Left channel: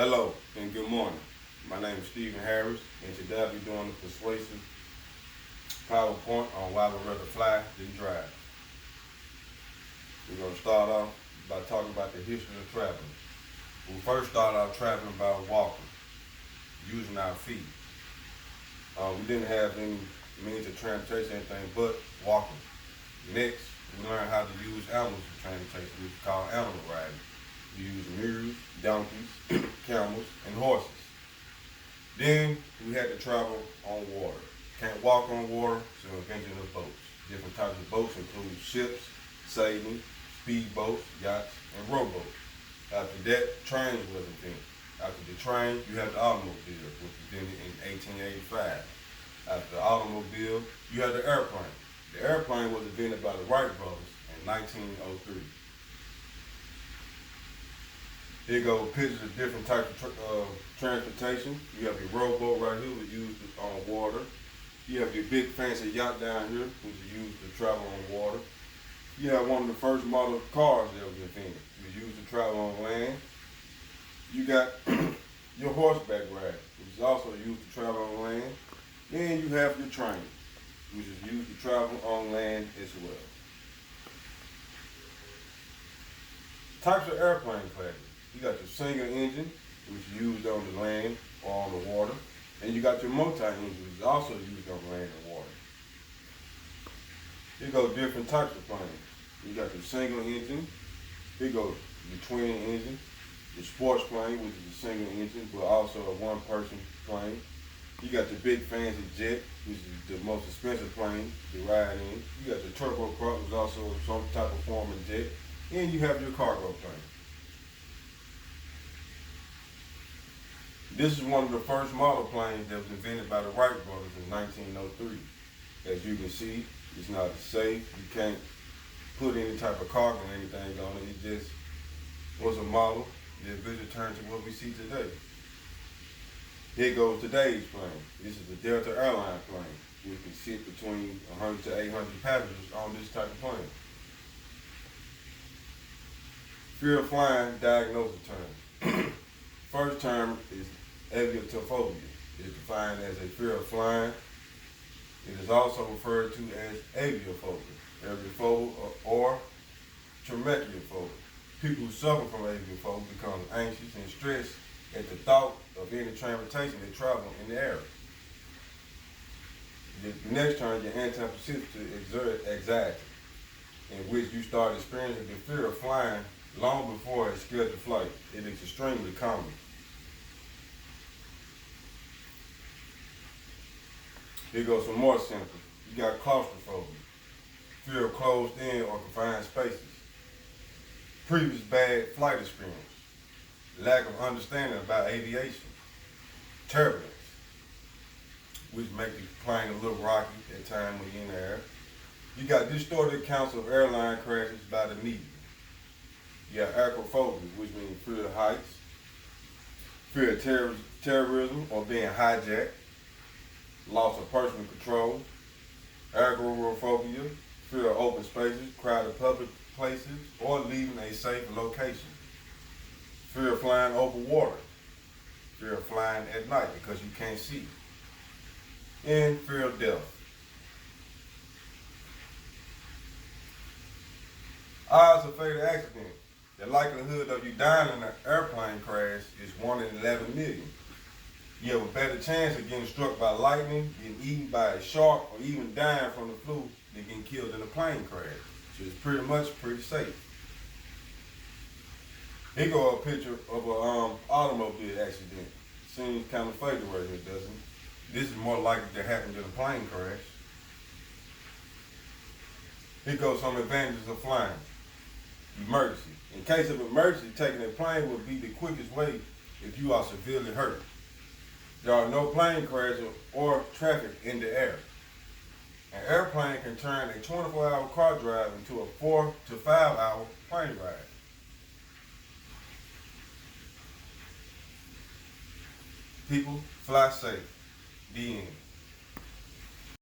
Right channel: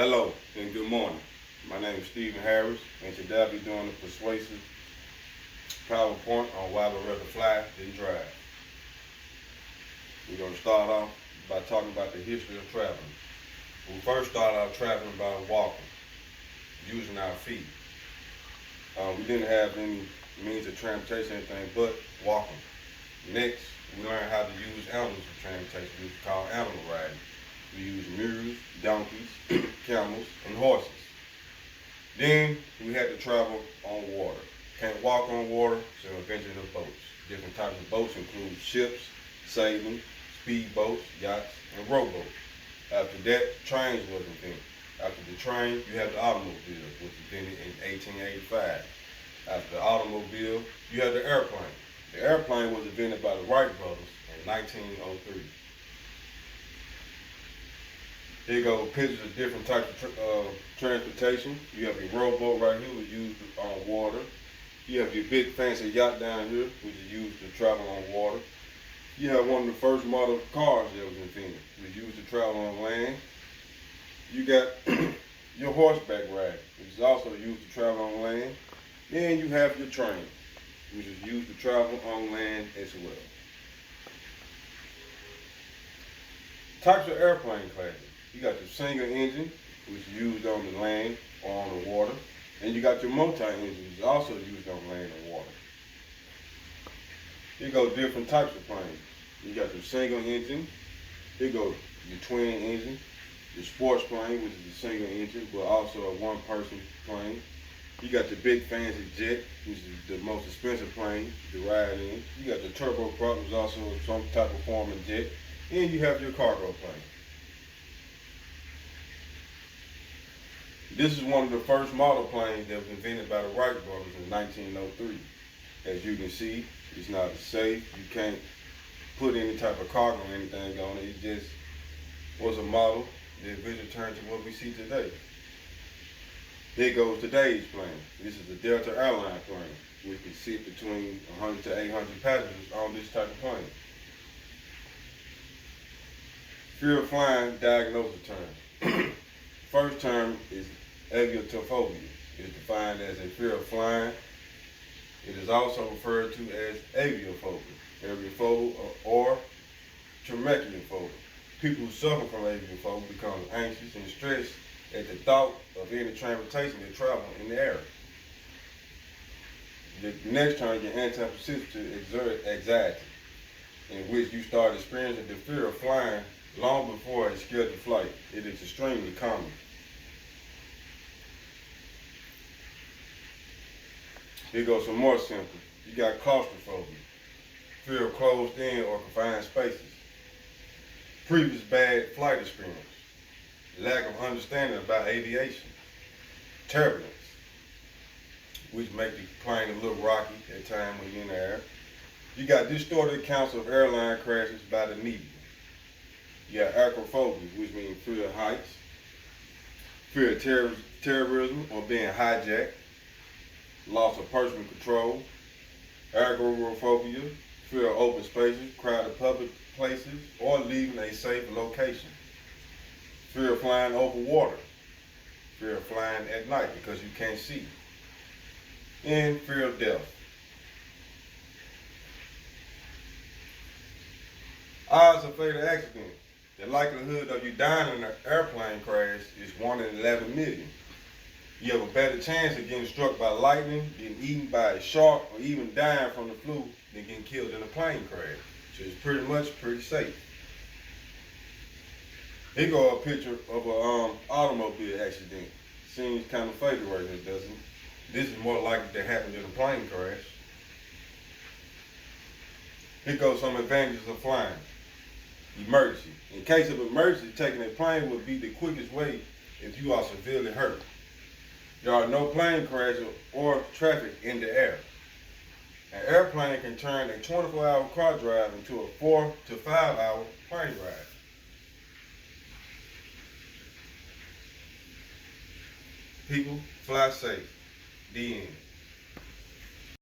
Hello and good morning. My name is Stephen Harris, and today I'll be doing a persuasive PowerPoint on why we'd rather fly than drive. We're going to start off by talking about the history of traveling. We first started out traveling by walking, using our feet. We didn't have any means of transportation, anything but walking. Next, we learned how to use animals for transportation, which is called animal riding. We use mules, donkeys, camels, and horses. Then we had to travel on water. Can't walk on water, so invention of boats. Different types of boats include ships, sailing, speedboats, yachts, and rowboats. After that, trains was invented. After the train, you had the automobile, which was invented in 1885. After the automobile, you had the airplane. The airplane was invented by the Wright brothers in 1903. Here you go, pictures of different types of transportation. You have your rowboat right here, which is used on water. You have your big fancy yacht down here, which is used to travel on water. You have one of the first model cars that was invented, which is used to travel on land. You got your horseback ride, which is also used to travel on land. Then you have your train, which is used to travel on land as well. Types of airplane classes. You got your single engine, which is used on the land or on the water. And you got your multi-engine, which is also used on land and water. Here go different types of planes. You got your single engine. Here go your twin engine. Your sports plane, which is a single engine, but also a one-person plane. You got the big fancy jet, which is the most expensive plane to ride in. You got the turboprop, which is also some type of form of jet. And you have your cargo plane. This is one of the first model planes that was invented by the Wright brothers in 1903. As you can see, it's not safe. You can't put any type of cargo or anything on it. It just was a model that eventually turned to what we see today. Here goes today's plane. This is the Delta Airline plane, which can sit between 100 to 800 passengers on this type of plane. Fear of flying diagnosis term. First term is aviotophobia. It is defined as a fear of flying. It is also referred to as aviophobia or tracheophobia. People who suffer from aviophobia become anxious and stressed at the thought of any transportation that travel in the air. The next term, your antiprecipitate anxiety, in which you start experiencing the fear of flying long before a scheduled flight. It is extremely common. Here goes some more symptoms. You got claustrophobia, fear of closed in or confined spaces, previous bad flight experience, lack of understanding about aviation, turbulence, which make the plane a little rocky at times when you're in the air. You got distorted accounts of airline crashes by the media. You got acrophobia, which means fear of heights, fear of terrorism or being hijacked, loss of personal control, agoraphobia, fear of open spaces, crowded public places, or leaving a safe location, fear of flying over water, fear of flying at night because you can't see, and fear of death. Odds of fatal accident. The likelihood of you dying in an airplane crash is 1 in 11 million. You have a better chance of getting struck by lightning, getting eaten by a shark, or even dying from the flu than getting killed in a plane crash, which is pretty safe. Here go a picture of an automobile accident. Seems kind of fatal right here, doesn't it? This is more likely to happen than a plane crash. Here goes some advantages of flying. Emergency. In case of emergency, taking a plane would be the quickest way if you are severely hurt. There are no plane crashes or traffic in the air. An airplane can turn a 24-hour car drive into a 4 to 5 hour plane ride. People, fly safe. The end.